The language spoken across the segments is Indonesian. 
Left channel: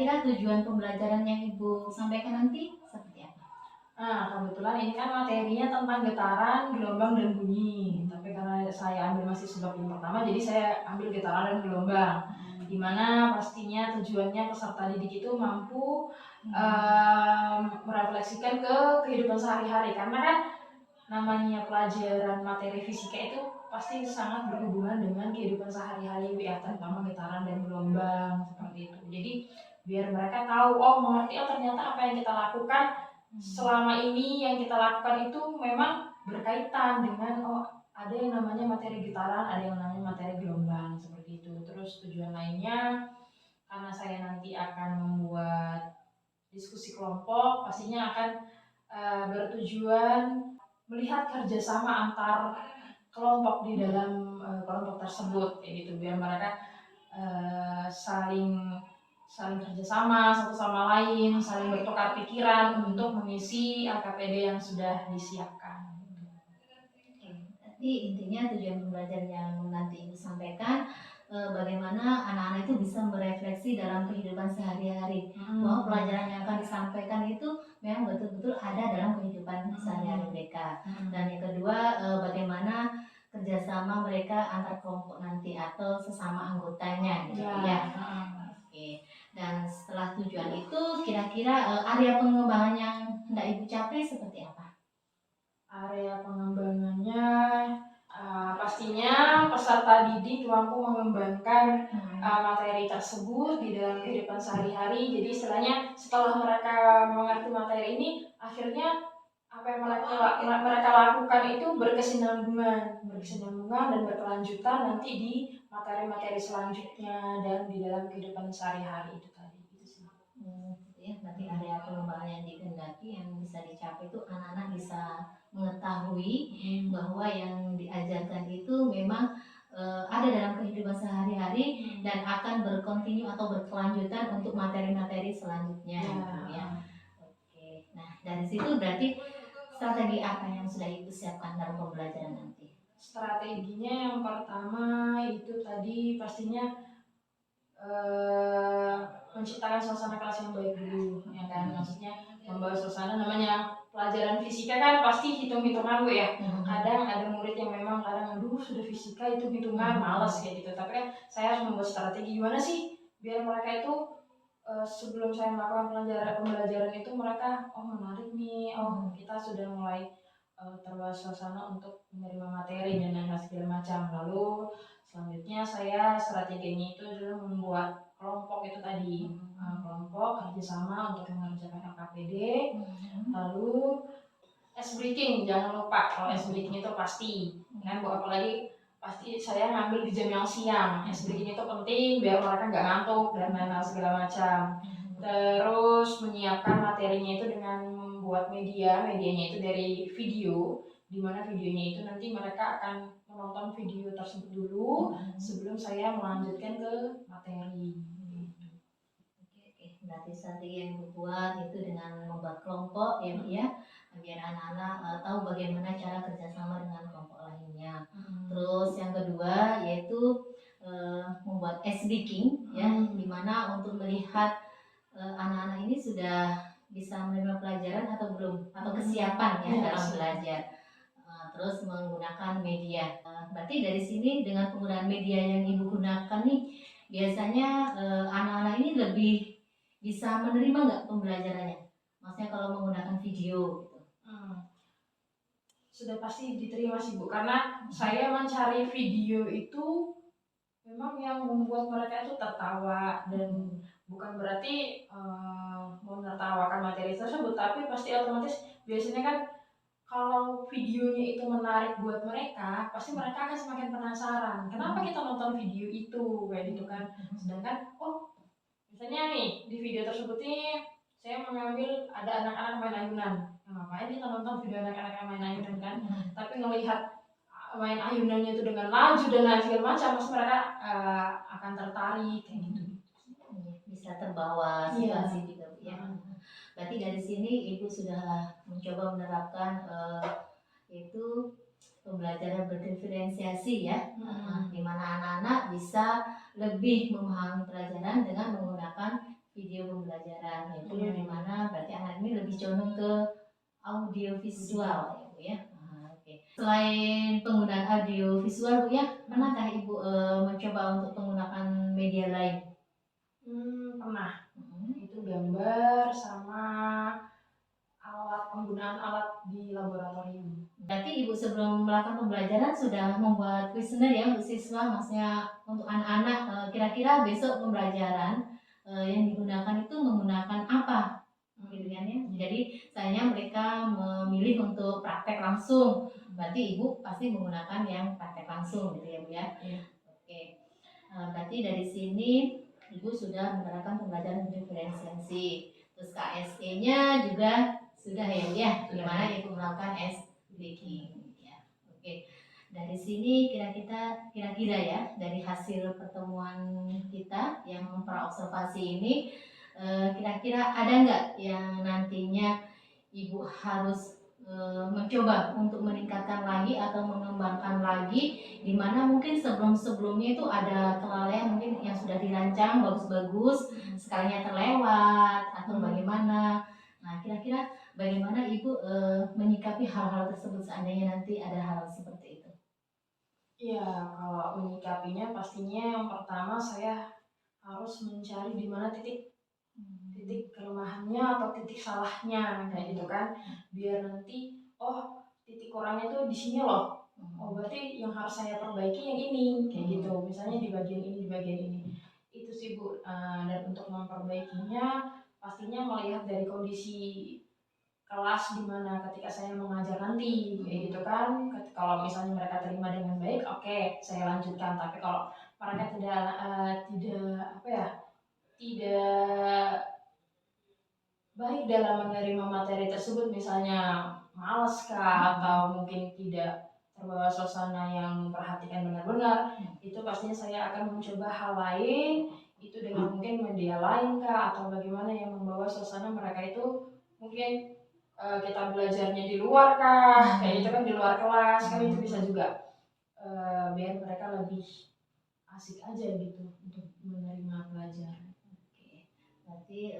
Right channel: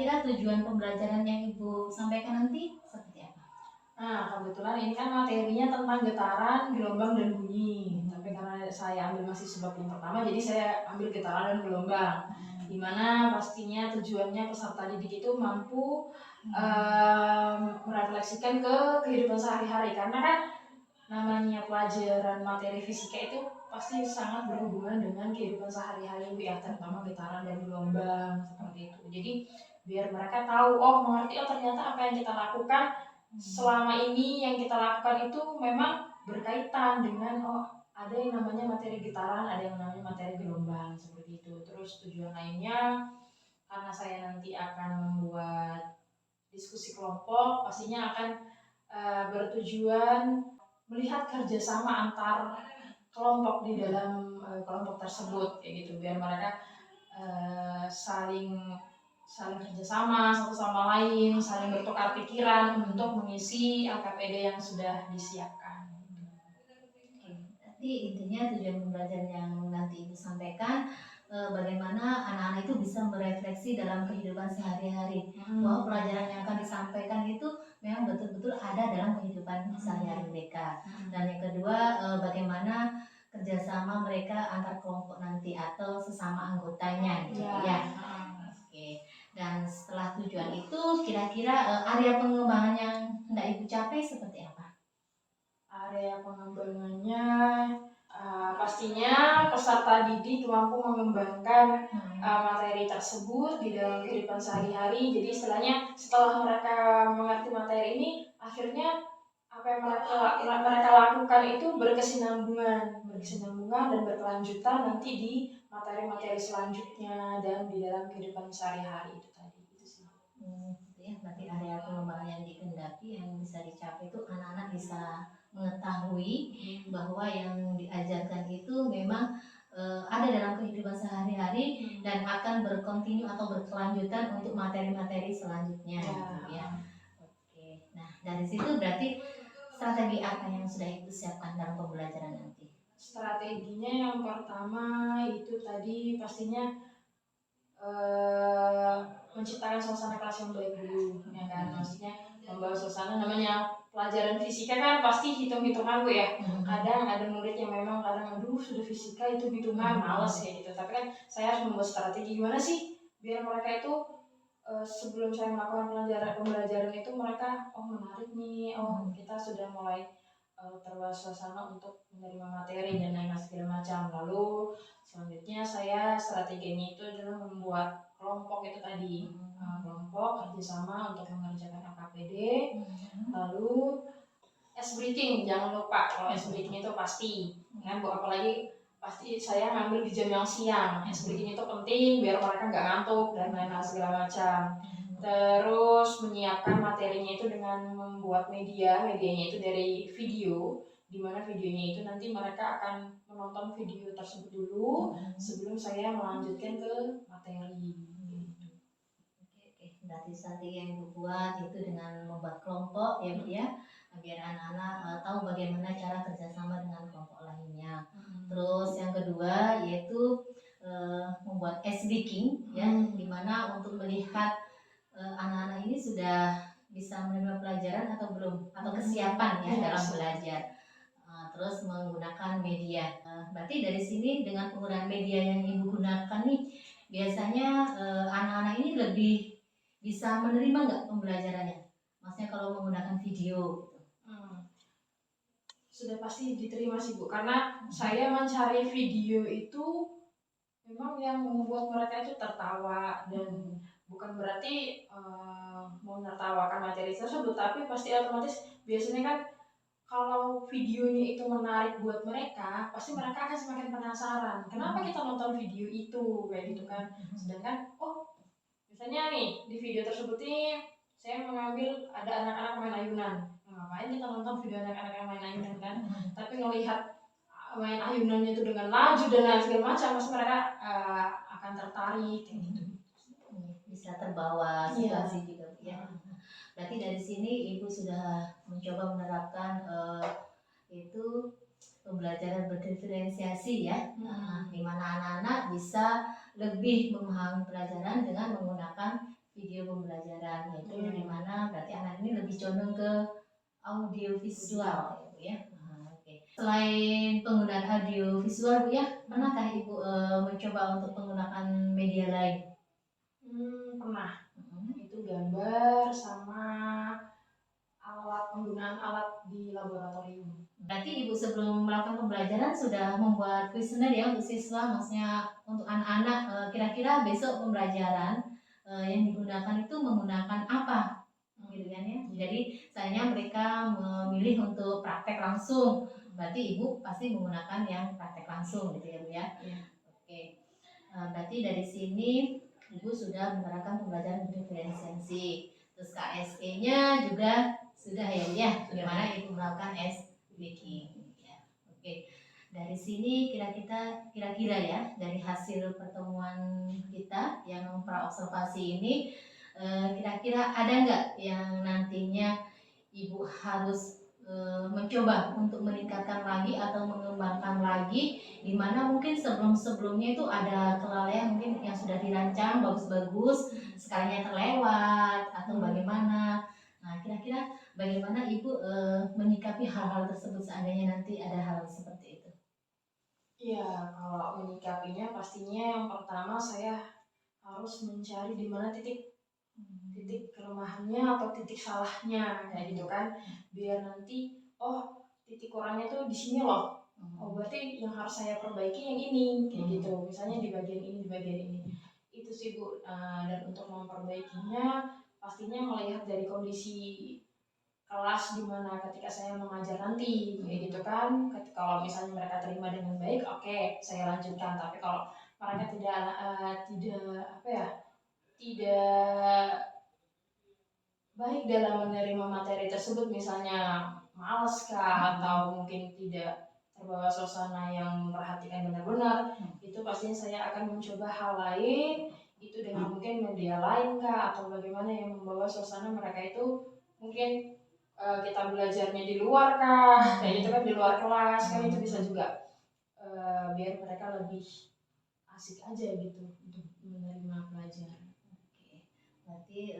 kira-kira tujuan pembelajaran yang Ibu sampaikan nanti seperti apa? Nah, kebetulan ini kan materinya tentang getaran, gelombang, dan bunyi. Tapi karena saya ambil masih sebab yang pertama, jadi saya ambil getaran dan gelombang. Dimana pastinya tujuannya peserta didik itu mampu merefleksikan ke kehidupan sehari-hari. Karena kan namanya pelajaran materi fisika itu pasti sangat berhubungan dengan kehidupan sehari-hari ya, terutama getaran dan gelombang seperti itu. Jadi biar mereka tahu, mengerti, ternyata apa yang kita lakukan selama ini yang kita lakukan itu memang berkaitan dengan ada yang namanya materi getaran, ada yang namanya materi gelombang seperti itu. Terus tujuan lainnya karena saya nanti akan membuat diskusi kelompok, pastinya akan bertujuan melihat kerjasama antar kelompok di dalam kelompok tersebut kayak gitu, biar mereka saling kerjasama satu sama lain, saling bertukar pikiran untuk mengisi LKPD yang sudah disiapkan. Jadi intinya tujuan pembelajaran yang nanti Ibu sampaikan bagaimana anak-anak itu bisa merefleksi dalam kehidupan sehari-hari, bahwa pelajaran yang akan disampaikan itu memang betul-betul ada dalam kehidupan sehari-hari mereka. Dan yang kedua, bagaimana kerjasama mereka antar kelompok nanti atau sesama anggotanya gitu ya. Oke. Dan setelah tujuan itu, kira-kira area pengembangan yang hendak Ibu capai seperti apa? Area pengembangannya pastinya peserta didik mampu mengembangkan materi tersebut di dalam kehidupan sehari-hari. Jadi istilahnya setelah mereka mengerti materi ini, akhirnya apa yang mereka lakukan itu berkesinambungan dan berkelanjutan nanti di materi-materi selanjutnya dan di dalam kehidupan sehari-hari itu tadi. Itu sih. Gitu ya, berarti area pengembangan yang dikehendaki yang bisa dicapai itu anak-anak bisa mengetahui bahwa yang diajarkan itu memang ada dalam kehidupan sehari-hari dan akan berkontinu atau berkelanjutan untuk materi-materi selanjutnya gitu ya. Oke. Nah, dari situ berarti strategi apa yang sudah Ibu siapkan dalam pembelajaran nanti? Strateginya yang pertama itu tadi pastinya menciptakan suasana kelas yang baik dulu, ya kan? Maksudnya membawa suasana, namanya pelajaran fisika kan pasti hitung-hitungan Bu ya. Kadang ada murid yang memang aduh sudah fisika itu hitungan males kayak gitu. Tapi kan saya harus membuat strategi gimana sih biar mereka itu sebelum saya melakukan pembelajaran itu mereka menarik nih, kita sudah mulai terbawa suasana untuk menerima materi dan lain segala macam. Lalu selanjutnya saya strateginya itu adalah membuat kelompok itu tadi, kelompok kerjasama untuk mengerjakan LKPD. Lalu ice breaking jangan lupa, kalau ice breaking itu pasti kan Bu, apalagi pasti saya ngambil di jam yang siang. Ice breaking itu penting biar mereka nggak ngantuk dan lain-lain segala macam. Terus menyiapkan materinya itu dengan membuat medianya itu dari video, di mana videonya itu nanti mereka akan menonton video tersebut dulu sebelum saya melanjutkan ke materi. Oke. Berarti strategi yang dibuat itu dengan membuat kelompok ya Bu ya, biar anak-anak tahu bagaimana cara kerjasama dengan kelompok lainnya. Terus yang kedua yaitu membuat ice breaking ya, dimana untuk melihat anak-anak ini sudah bisa menerima pelajaran atau belum, atau kesiapan ya dalam belajar. Terus menggunakan media. Berarti dari sini dengan penggunaan media yang Ibu gunakan nih, biasanya anak-anak ini lebih bisa menerima nggak pembelajarannya? Maksudnya kalau menggunakan video gitu. Sudah pasti diterima sih Bu, karena saya mencari video itu memang yang membuat mereka itu tertawa, dan bukan berarti mau menertawakan materi tersebut, tapi pasti otomatis biasanya kan kalau videonya itu menarik buat mereka, pasti mereka akan semakin penasaran. Kenapa kita nonton video itu kayak gitu kan? Sedangkan misalnya nih di video tersebut nih saya mengambil ada anak-anak main ayunan. Ngapain kita nonton video anak-anak yang main ayunan kan? Tapi ngelihat main ayunannya itu dengan laju dan lain segala macam, pasti mereka akan tertarik kayak gitu. Bisa terbawa situasi juga ya. Berarti dari sini Ibu sudah mencoba menerapkan itu pembelajaran berdiferensiasi ya, di mana anak-anak bisa lebih memahami pelajaran dengan menggunakan video pembelajaran, yaitu di mana berarti anak ini lebih condong ke audio visual ya Bu ya. Oke. Selain penggunaan audio visual Bu ya, pernahkah Ibu mencoba untuk menggunakan media lain? Pernah. Itu gambar sama penggunaan alat di laboratorium. Berarti Ibu sebelum melakukan pembelajaran sudah membuat kuesioner ya untuk siswa, maksudnya untuk anak-anak, kira-kira besok pembelajaran yang digunakan itu menggunakan apa, gitu kan ya. Jadi misalnya mereka memilih untuk praktek langsung, berarti Ibu pasti menggunakan yang praktek langsung gitu ya Bu ya. Oke. Berarti dari sini Ibu sudah menerapkan pembelajaran diferensiasi. Terus KSE-nya juga sudah ya, bagaimana Ibu melakukan baking ya. Oke. Dari sini kira-kira ya, dari hasil pertemuan kita yang praobservasi ini, kira-kira ada nggak yang nantinya Ibu harus mencoba untuk meningkatkan lagi atau mengembangkan lagi, di mana mungkin sebelumnya itu ada kelalaian mungkin yang sudah dirancang bagus-bagus, sekalinya terlewat atau bagaimana. Nah, kira-kira bagaimana Ibu menyikapi hal-hal tersebut seandainya nanti ada hal seperti itu? Iya, kalau menyikapinya pastinya yang pertama saya harus mencari di mana titik kelemahannya atau titik salahnya kayak gitu kan, biar nanti titik kurangnya tuh di sini loh. Berarti yang harus saya perbaiki yang ini kayak gitu, misalnya di bagian ini itu sih Bu. Dan untuk memperbaikinya pastinya melihat dari kondisi kelas di mana ketika saya mengajar nanti kayak gitu kan. Kalau misalnya mereka terima dengan baik, oke, saya lanjutkan. Tapi kalau mereka tidak baik dalam menerima materi tersebut, misalnya males kah atau mungkin tidak terbawa suasana yang memperhatikan benar-benar, itu pastinya saya akan mencoba hal lain, itu dengan mungkin media lain kah atau bagaimana yang membawa suasana mereka itu mungkin kita belajarnya di luar kah, kayak gitu kan, di luar kelas kan, itu bisa juga biar mereka lebih asik aja gitu untuk menerima pelajaran. Oke. Berarti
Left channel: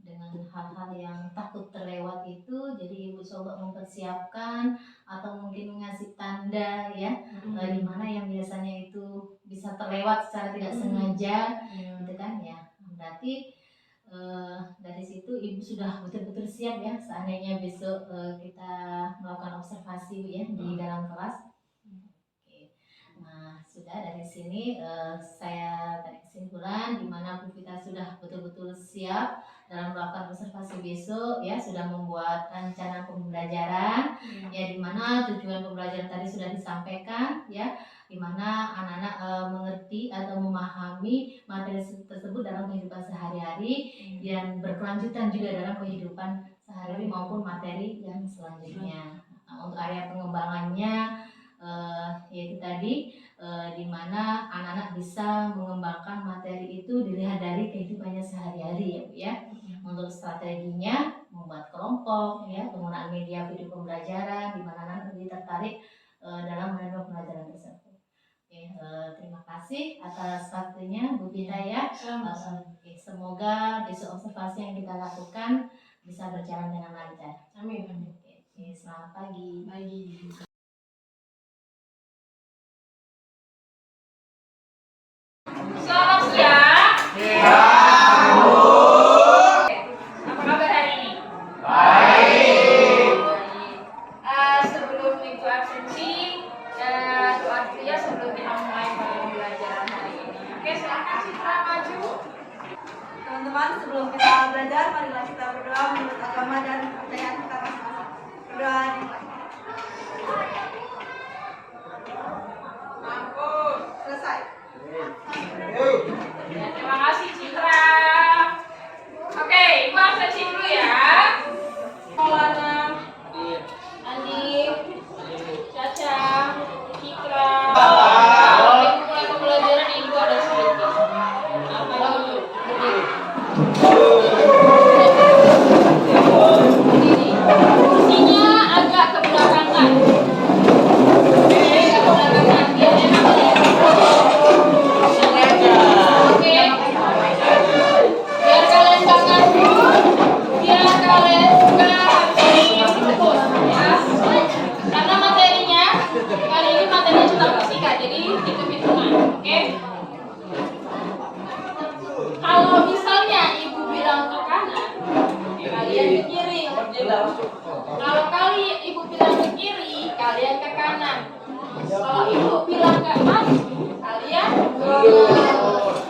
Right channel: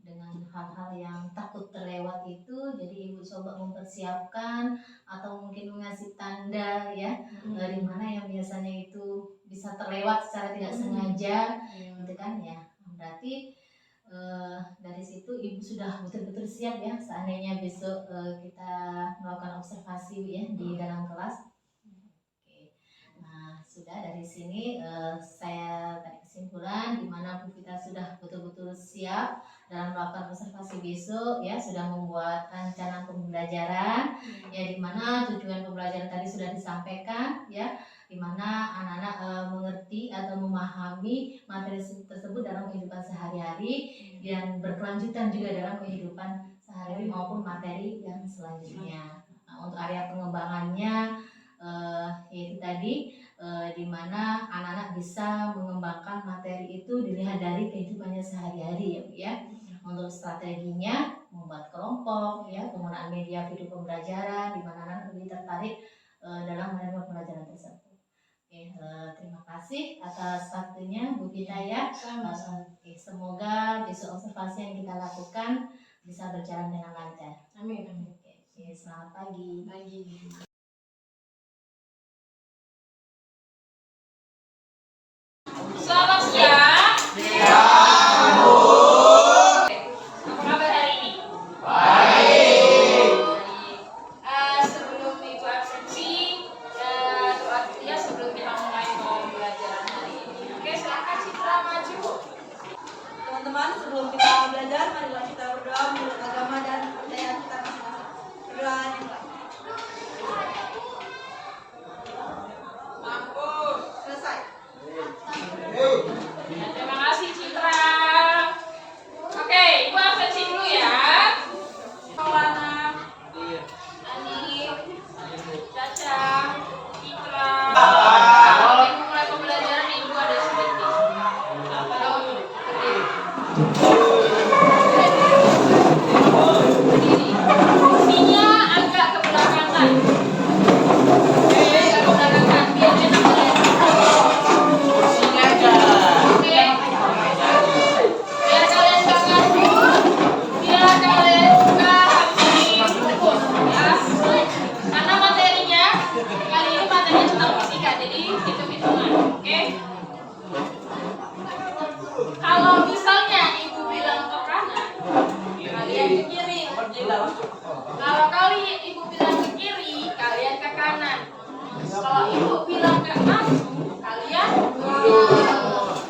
dengan hal-hal yang takut terlewat itu, jadi Ibu coba mempersiapkan atau mungkin mengasih tanda ya, di mana yang biasanya itu bisa terlewat secara tidak sengaja, gitu kan ya. Berarti dari situ Ibu sudah betul-betul siap ya seandainya besok kita melakukan observasi ya di dalam kelas. Oke. Nah, sudah dari sini saya tarik kesimpulan di mana Bu Vita sudah betul-betul siap dalam melakukan observasi besok ya, sudah membuat rencana pembelajaran ya, di mana tujuan pembelajaran tadi sudah disampaikan ya, di mana anak-anak mengerti atau memahami materi tersebut dalam kehidupan sehari-hari dan berkelanjutan juga dalam kehidupan sehari-hari maupun materi yang selanjutnya. Nah, untuk area pengembangannya yaitu tadi di mana anak-anak bisa mengembangkan materi itu dilihat dari kehidupannya sehari-hari ya Bu ya. Untuk strateginya membuat kelompok ya, penggunaan media video pembelajaran di mana anak lebih tertarik dalam menerima pembelajaran tersebut. Oke, terima kasih atas waktunya Bu Vita ya. Semoga besok observasi yang kita lakukan bisa berjalan dengan lancar. Amin. Oke, selamat pagi. Selamat siang. Apa kabar hari ini? Baik. Sebelum itu absensi, doa dulu ya sebelum kita mulai pembelajaran hari ini. Oke, silakan Citra maju. Teman-teman, sebelum kita belajar, marilah kita berdoa menurut agama dan kepercayaan kita masing-masing. Berdoa dimulai. Kalau ibu bilang ke kiri, kalian ke kanan. Kalau ibu bilang ke maju, kalian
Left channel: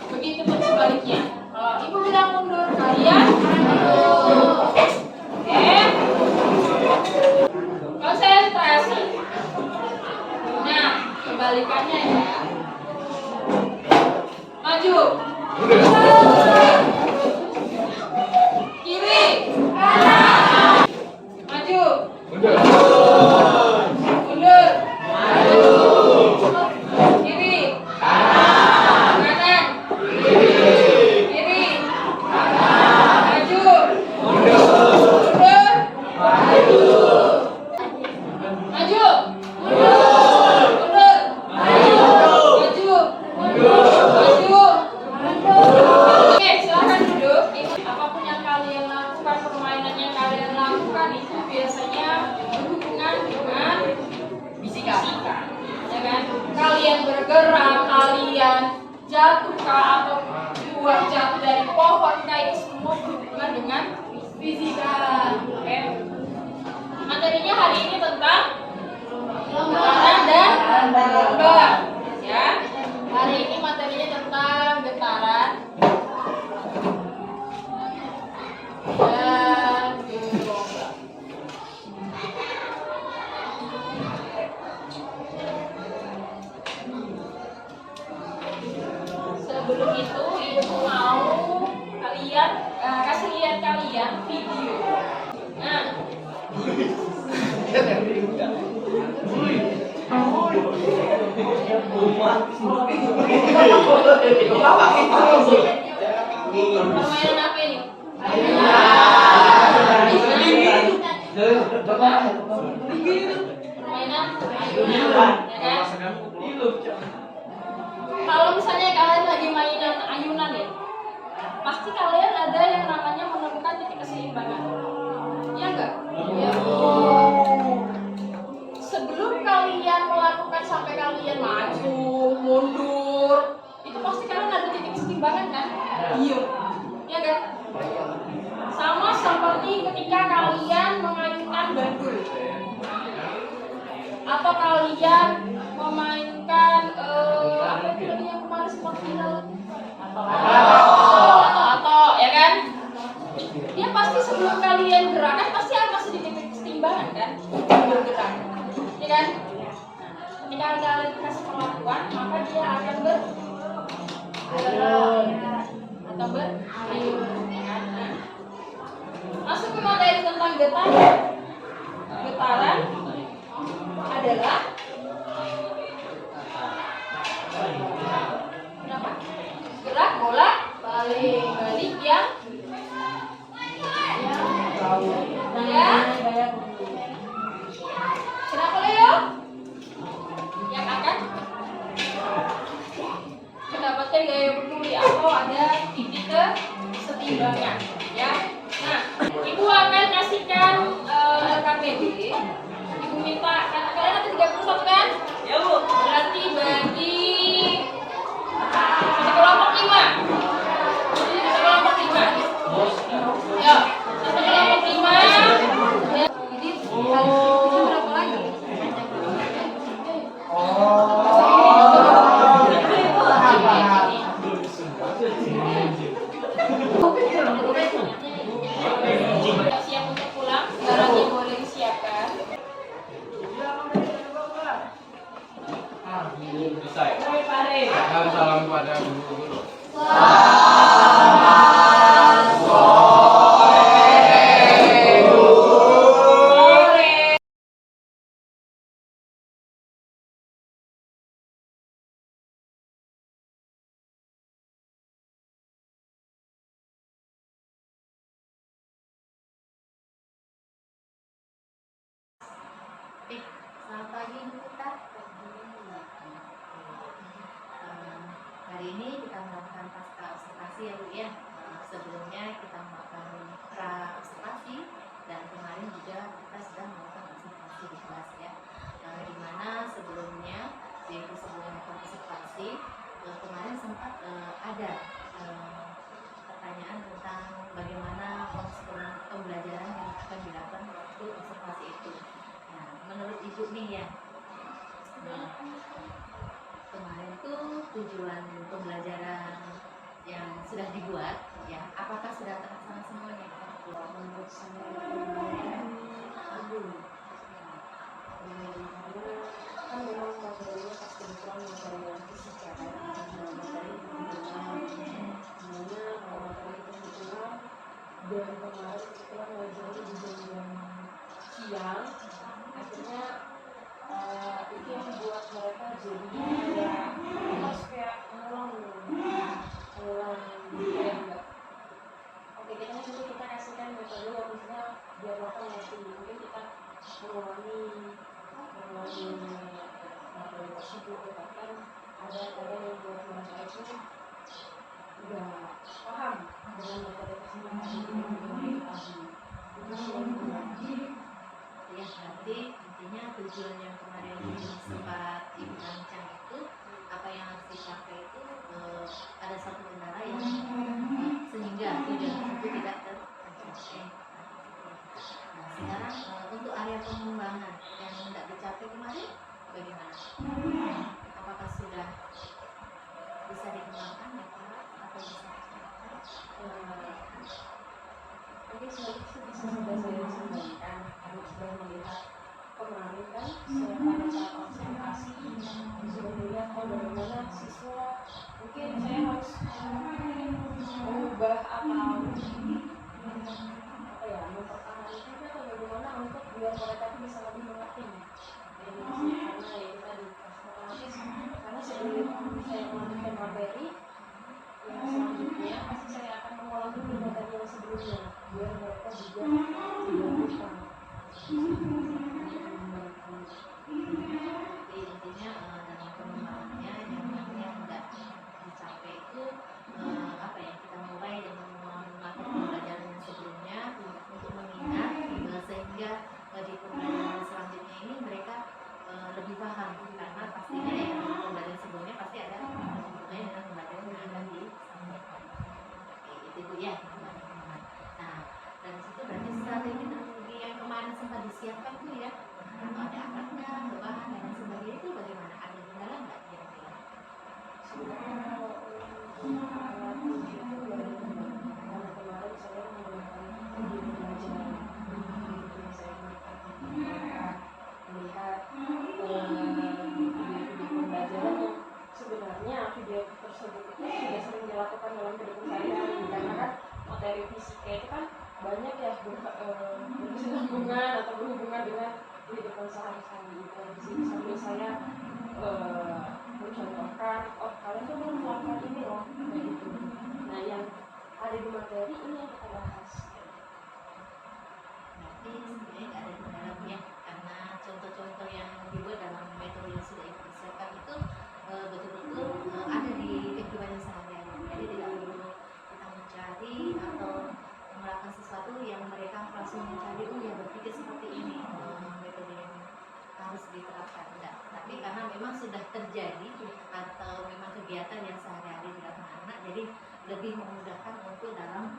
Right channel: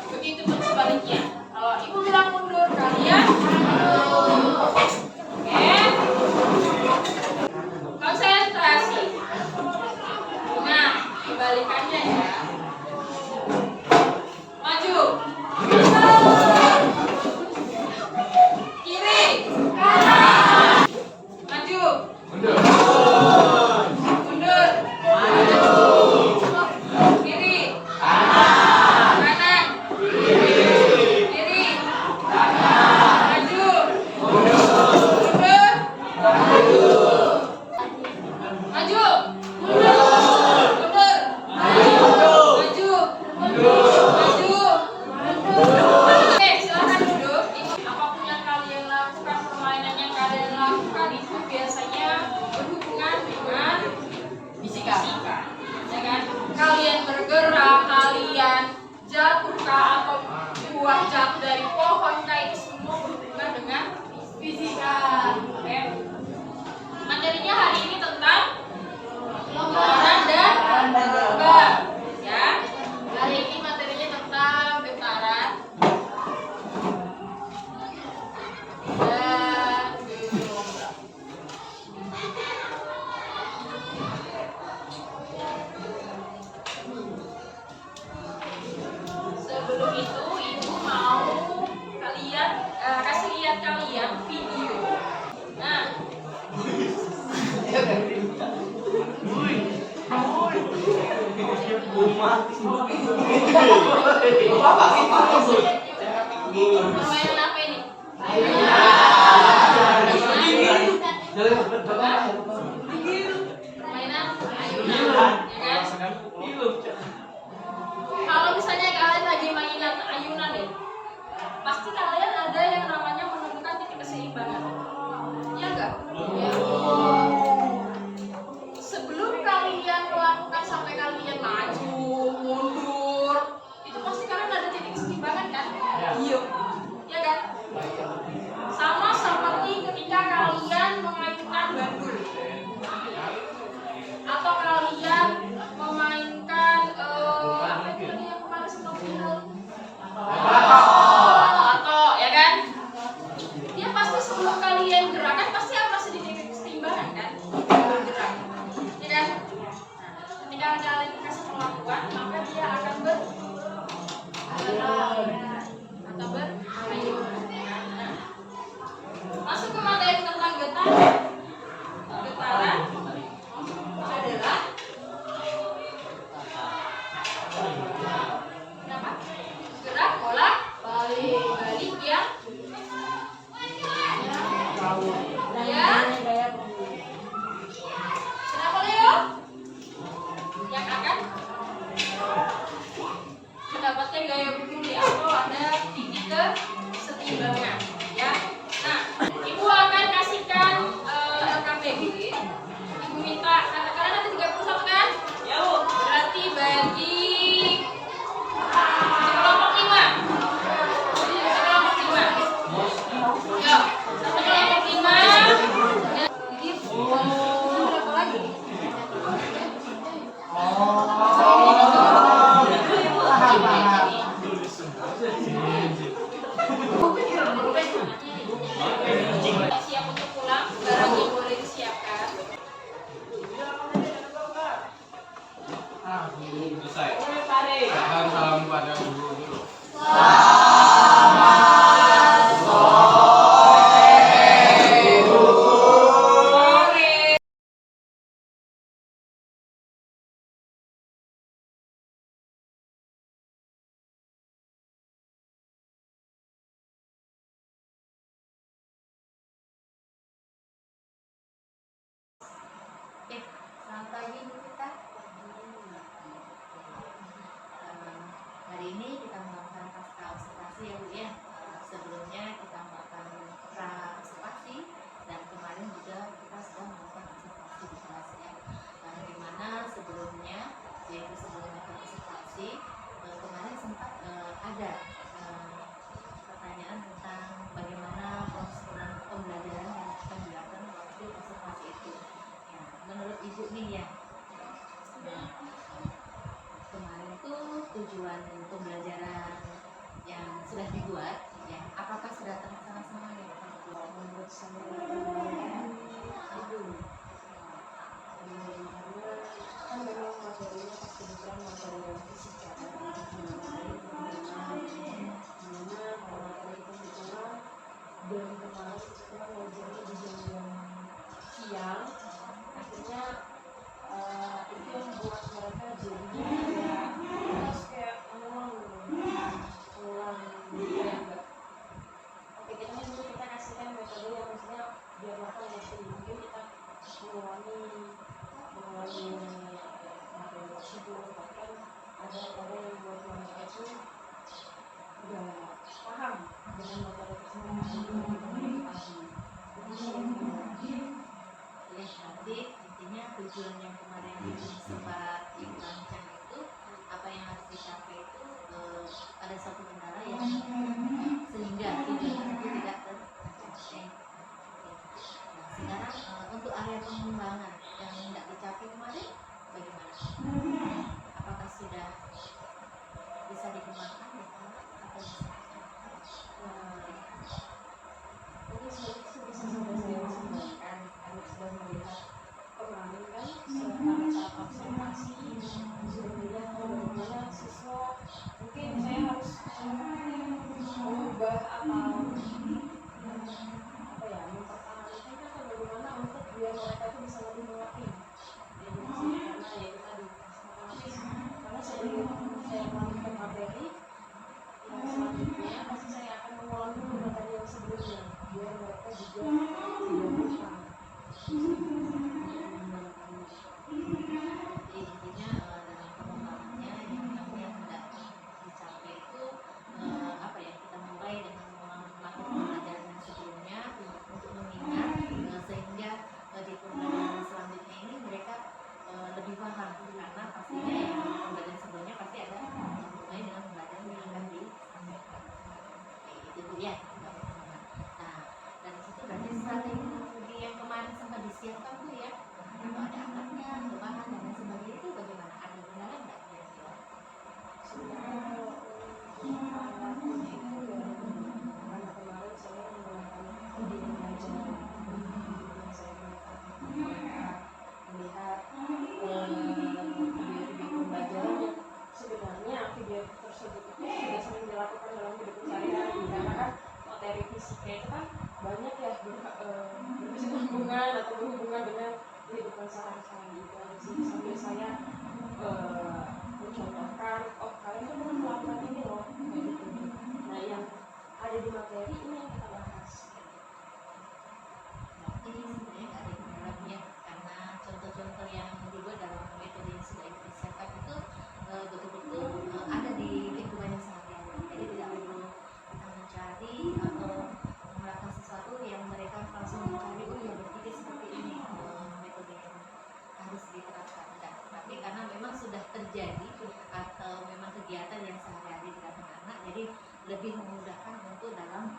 begitu pun sebaliknya. Kalau ibu bilang mundur, kalian mundur. Oke? Konsentrasi. Nah, kebalikannya ya. Maju. Kiri. Maju. Mundur. Kiri. Kanan. Kiri. Maju. Mundur. Maju. Mundur. Maju. Maju. Oke, silakan duduk. Apapun yang kalian lakukan, permainan yang kalian lakukan itu biasanya berhubungan dengan fisika, ya kan? Kalian bergerak, kalian jatuh kah atau buat jatuh dari pohon kah, itu semua berhubungan dengan fisika. Oke. Materinya hari ini tentang getaran dan gerak, ya. Hari ini materinya tentang getaran dan gelombang. Sebelum itu, ibu mau kalian kasih lihat kalian video. Nah, permainan apa ini? Permainan ayunan, ya kan? Kalau misalnya kalian lagi mainan ayunan ya, pasti kalian ada yang namanya menemukan titik keseimbangan. Iya enggak? Sebelum kalian melakukan sampai kalian maju, mundur, itu pasti kalian ada titik keseimbangan kan? Iya. Ya kan? Sama seperti ketika kalian memainkan bandul. Atau kalian memainkan apa itu tadi yang kemarin sempat final? Atau ya kan? Dia pasti sebelum kalian gerakan pasti akan masih di titik keseimbangan kan? Bergerak. Ya kan? Nah, ketika kalian dikasih kemampuan, maka dia akan bergerak atau bermaju. Ya kan? Nah, masuk ke materi tentang getaran. Getaran adalah gerak bolak balik yang ya. Kenapa Leo? Yang akan mendapatkan gaya berkulit atau ada titik kesetimbangan, ya. Nah, ibu akan kasihkan LKPD. Ibu minta kalian nanti 31 kan? Ya bu. Berarti bagi kelompok 5. Kelompok 5. Ya, satu kelompok 5. Jadi berapa lagi? Siap untuk pulang, barangnya boleh disiapkan. Selesai. Salam pada guru. dibuat, ya, apakah sudah terlaksana semuanya? Menurut saya belum. Karena kan memang materinya pas kebetulan materi yang fisika kan, materi hitungan, dimana kalau materi kita hitungan dan kemarin kebetulan ngajarnya di jam-jam siang, akhirnya itu yang buat mereka jadi kayak kita harus kayak ngulang ya enggak. Oke, kita kan dulu kita kasihkan metode yang maksudnya biar mereka ngerti, mungkin kita mengulangi materi tersebut, bahkan ada yang buat mereka itu nggak paham dengan materi tersebut tadi itu sih yang Ya, berarti intinya tujuan yang kemarin sempat Ibu rancang itu, apa yang harus dicapai itu ada satu kendala yang sehingga tujuan tersebut tidak tercapai. Nah, sekarang untuk area pengembangan yang tidak dicapai kemarin bagaimana? Apakah sudah bisa dikembangkan ya Pak? Atau bisa ini sebenarnya bisa sudah saya sampaikan karena sudah melihat kemarin kan pada saat observasi sudah melihat bagaimana siswa mungkin saya harus mengubah mempertahankan atau bagaimana untuk biar mereka itu bisa lebih mengerti karena ya tadi karena sebelum saya melanjutkan materi yang selanjutnya pasti saya akan mengulang dulu materi yang sebelumnya biar mereka juga tidak lupa. Jadi intinya dalam pengembangannya yang tidak dicapai itu apa ya, kita mulai dengan mengulang materi pembelajaran yang sebelumnya untuk mengingat sehingga di pembelajaran selanjutnya ini mereka lebih paham, karena pastinya yang pembelajaran sebelumnya pasti ada hubungannya dengan pembelajaran yang akan disampaikan. Itu Bu ya. Nah, dari situ berarti strategi yang kemarin sempat disiapkan Bu ya, atau ada alatnya, bahan dan lain sebagainya, itu bagaimana? Ada kendala nggak kira-kira? Sebenarnya kalau alat uji itu nggak ada kendala karena kemarin saya menggunakan video pembelajaran yang saya gunakan melihat video pembelajaran yang sebenarnya video tersebut itu sudah sering dilakukan dalam kehidupan sehari-hari karena kan materi fisika itu kan banyak ya berkesinambungan atau berhubungan dengan kehidupan sehari-hari itu sambil saya mencontohkan, oh kalian tuh belum melakukan ini loh kayak gitu. Nah yang ada di materi ini yang kita bahas. Berarti sebenarnya nggak ada kendala Bu ya, karena contoh-contoh yang dibuat dalam metode yang sudah dipersiapkan itu betul-betul ada di kehidupan sehari-hari. Jadi tidak perlu kita mencari atau melakukan sesuatu yang mereka langsung mencari, oh ya berpikir seperti ini metode yang harus diterapkan. Enggak, tapi karena memang sudah terjadi atau memang kegiatan yang sehari-hari dilakukan anak, jadi lebih memudahkan untuk dalam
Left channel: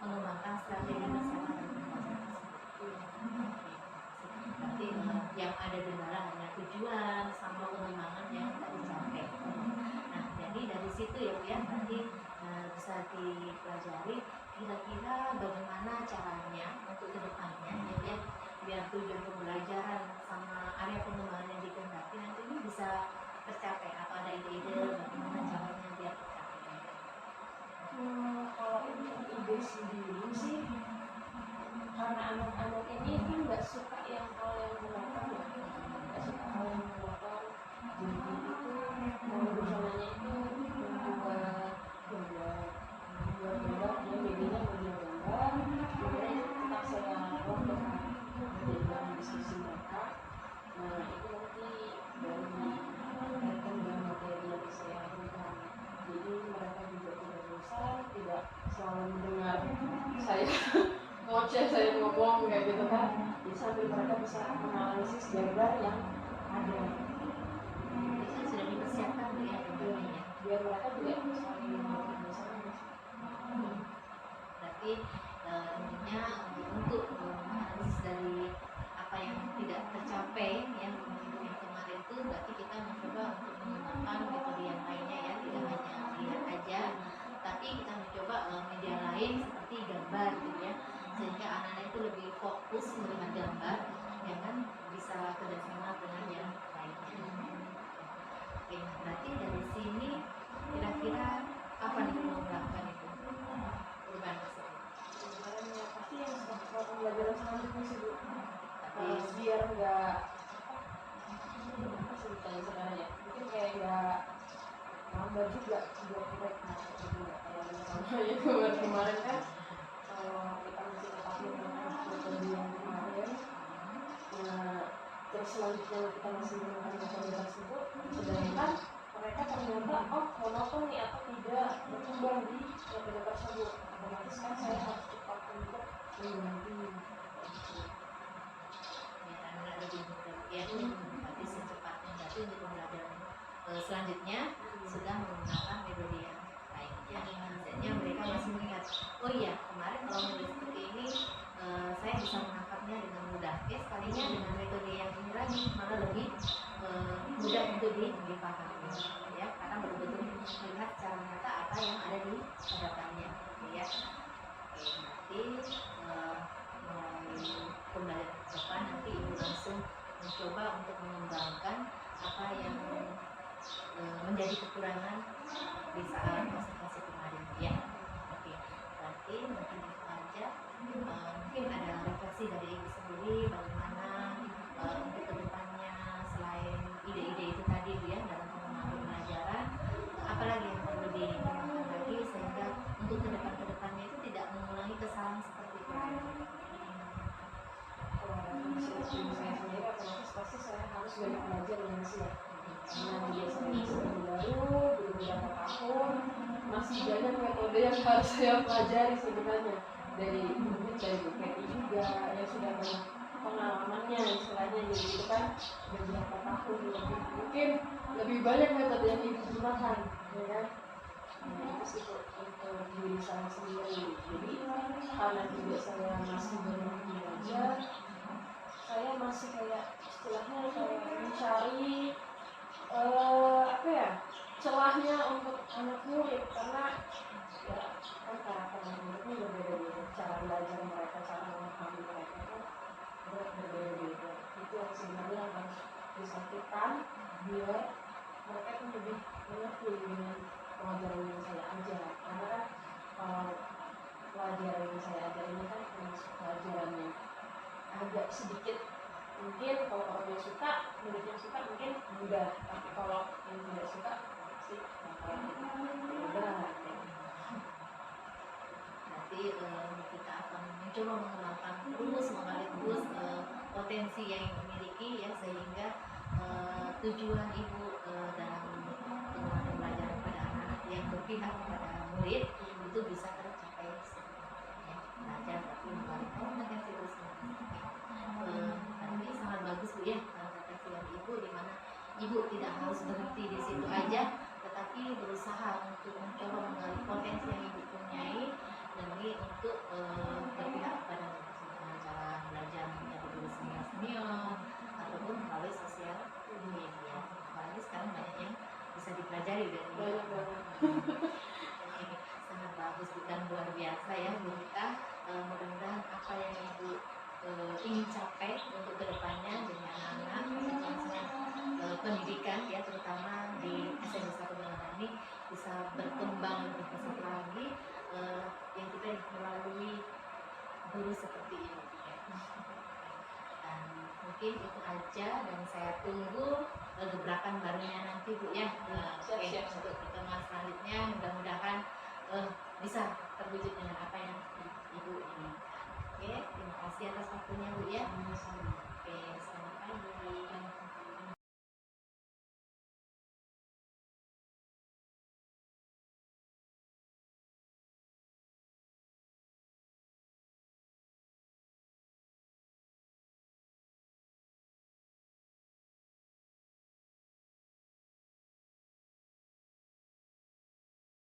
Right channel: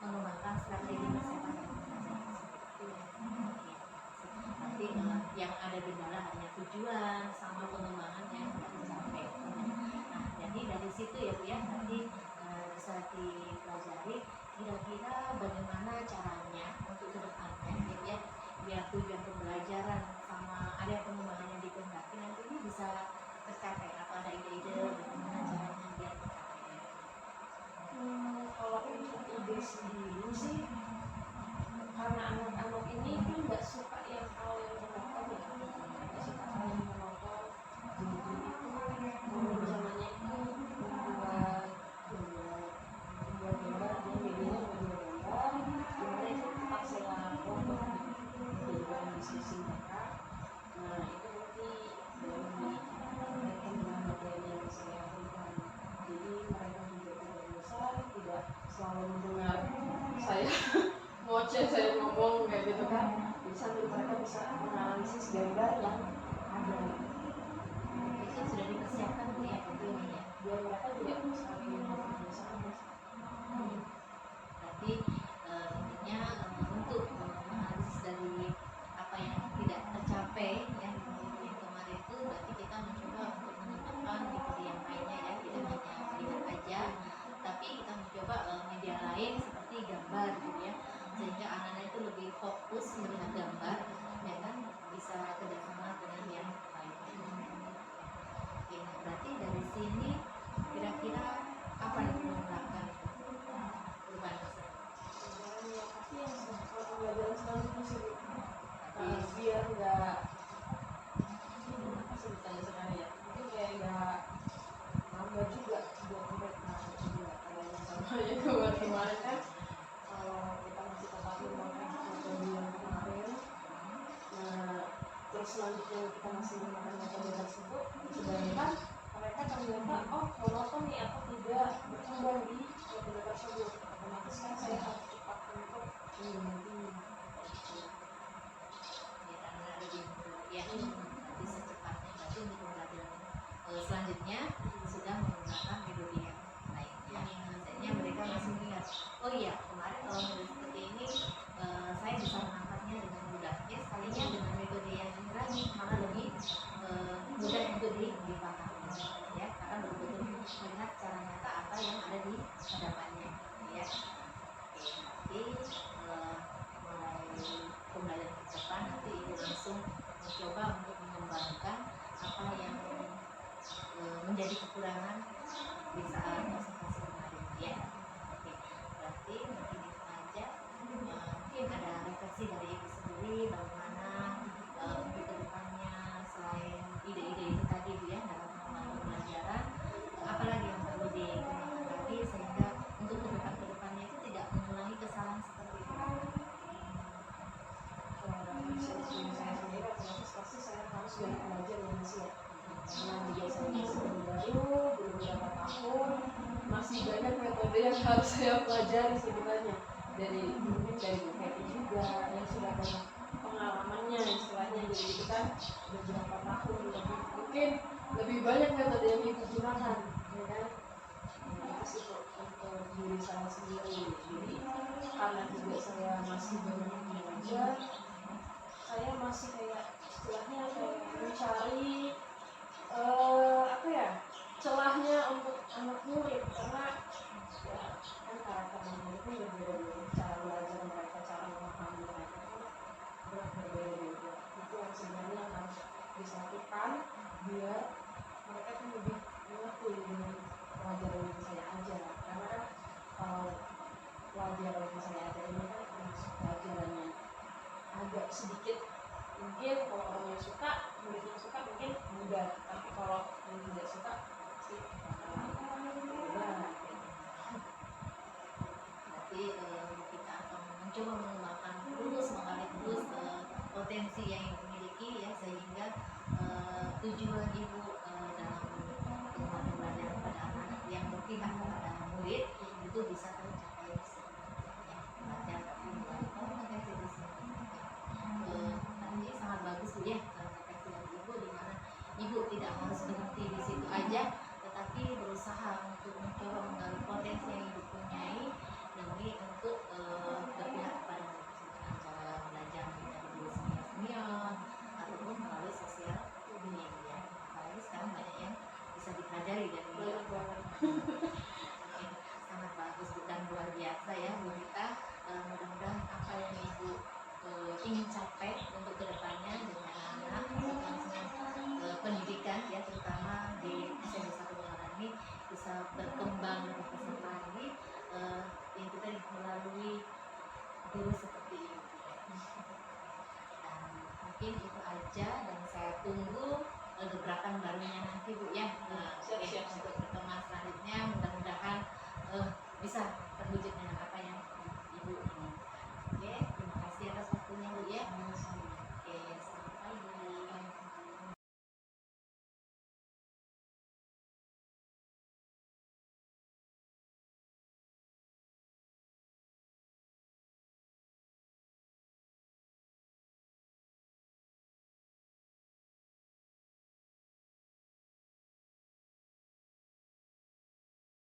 mengembangkan strategi persiapan dan pembelajaran tersebut. Berarti yang ada kendala hanya tujuan sama pengembangan yang tidak dicapai. Nah, jadi dari situ ya Bu ya, berarti bisa dipelajari kira-kira bagaimana caranya untuk kedepannya ya, biar tujuan pembelajaran sama area pengembangan yang dikehendaki nanti ini bisa tercapai, atau ada ide-ide bagaimana caranya biar tercapai? Kalau untuk ide sendiri sih karena anak-anak ini kan nggak suka yang hal yang monoton ya, nggak suka hal yang monoton, jadi itu rencananya itu membuat gambar dia medianya media gambar dimana itu tetap saya kelompokkan jadi dalam diskusi mereka. Nah itu nanti dari berkaitan dengan materi yang saya berikan, jadi mereka juga tidak bosan, tidak selalu mendengar saya ngoceh, saya ngomong kayak gitu kan, jadi sambil mereka bisa menganalisis gambar yang ada. Itu sudah dipersiapkan Bu ya tentunya ya, Biar mereka juga saling bersama. berarti intinya untuk menganalisis dari apa yang tidak tercapai ya yang kemarin itu, berarti kita mencoba untuk mengembangkan metode yang lainnya ya, tidak hanya lihat aja fokus melihat gambar, ya kan, bisa kerjasama dengan yang lainnya. Oke, berarti dari sini kira-kira apa nih mengungkapkan itu perubahan tersebut? Kemarin ya pasti yang soal pembelajaran selanjutnya sih Bu. Tapi Biar nggak apa sih kalau sekarang ya, mungkin kayak nggak nambah juga buat mereka juga kayak misalnya kemarin kan kalau kita masih tetap menggunakan metode yang kemarin, nah terus selanjutnya kita masih menggunakan metode tersebut, sedangkan mereka ternyata monoton nih atau tidak berkembang di metode tersebut, otomatis kan saya harus cepat untuk mengganti biar anak lebih mudah ya. Berarti secepatnya, berarti untuk pembelajaran selanjutnya sudah menggunakan metode yang lainnya. Biasanya mereka masih melihat, oh iya kemarin kalau metode seperti ini saya bisa menangkapnya dengan mudah. Sekalinya dengan metode yang ini lagi malah lebih mudah untuk dipahami ya, karena betul-betul melihat secara nyata apa yang ada di hadapannya ya. Oke, nanti mulai pembelajaran ke depan nanti ibu langsung mencoba untuk mengembangkan apa yang menjadi kekurangan di saat observasi kemarin ya. Oke, berarti mungkin itu aja. Mungkin ada refleksi dari ibu sendiri bagaimana untuk kedepannya selain ide-ide itu tadi Bu ya dalam pengembangan pembelajaran, apalagi yang perlu dikembangkan lagi sehingga untuk kedepannya itu tidak mengulangi kesalahan seperti itu. kalau refleksi diri saya sendiri, otomatis pasti saya harus banyak belajar ya Mas ya, karena juga saya masih baru beberapa tahun, masih banyak metode yang harus saya pelajari sebenarnya, dari mungkin dari Bu Fetty juga yang sudah banyak pengalamannya istilahnya, jadi itu kan beberapa tahun lebih, mungkin lebih banyak metode yang ibu gunakan ya kan. Nah, itu sih kok untuk diri saya sendiri, jadi karena juga saya masih banyak belajar, saya masih kayak istilahnya kayak mencari apa ya, celahnya untuk anak murid, karena ya kan karakter anak muridnya berbeda-beda, cara belajar mereka, cara memahami mereka pun berbeda-beda. Itu yang sebenarnya yang harus disatukan biar mereka tuh lebih mengerti dengan pelajaran yang saya ajar, karena kan kalau pelajaran yang saya ajar ini kan termasuk pelajaran yang agak sedikit, mungkin kalau orang yang suka, murid yang suka mungkin mudah, tapi kalau yang tidak suka pasti bakalan berat. Berarti kita akan mencoba mengembangkan terus, menggali terus potensi yang dimiliki ya, sehingga tujuan ibu dalam pengembangan pembelajaran pada anak-anak yang berpihak kepada murid itu bisa tercapai ya, belajar tapi melalui komunikasi terus menerus. Tadi sangat bagus Bu ya refleksi dari ibu, di mana ibu tidak harus berhenti di situ aja, tetapi berusaha untuk mencoba menggali potensi yang ibu punyai demi untuk berpihak kepada murid dengan cara belajar menjadi guru senior ataupun melalui sosial media. Apalagi sekarang banyak yang bisa dipelajari dari Banyak banget. sangat bagus dan luar biasa ya Bu Rita. Mudah-mudahan apa yang ibu ingin capai untuk kedepannya dengan anak-anak kelangsungan pendidikan ya, terutama di SMP 1 Bangaran ini bisa berkembang lebih pesat lagi, yang kita melalui guru seperti ini ya. Dan mungkin itu aja, dan saya tunggu gebrakan barunya nanti Bu ya. Siap. Untuk pertemuan selanjutnya mudah-mudahan bisa terwujud dengan apa yang ibu inginkan. Oke, terima kasih atas waktunya Bu ya. Oke, selamat pagi.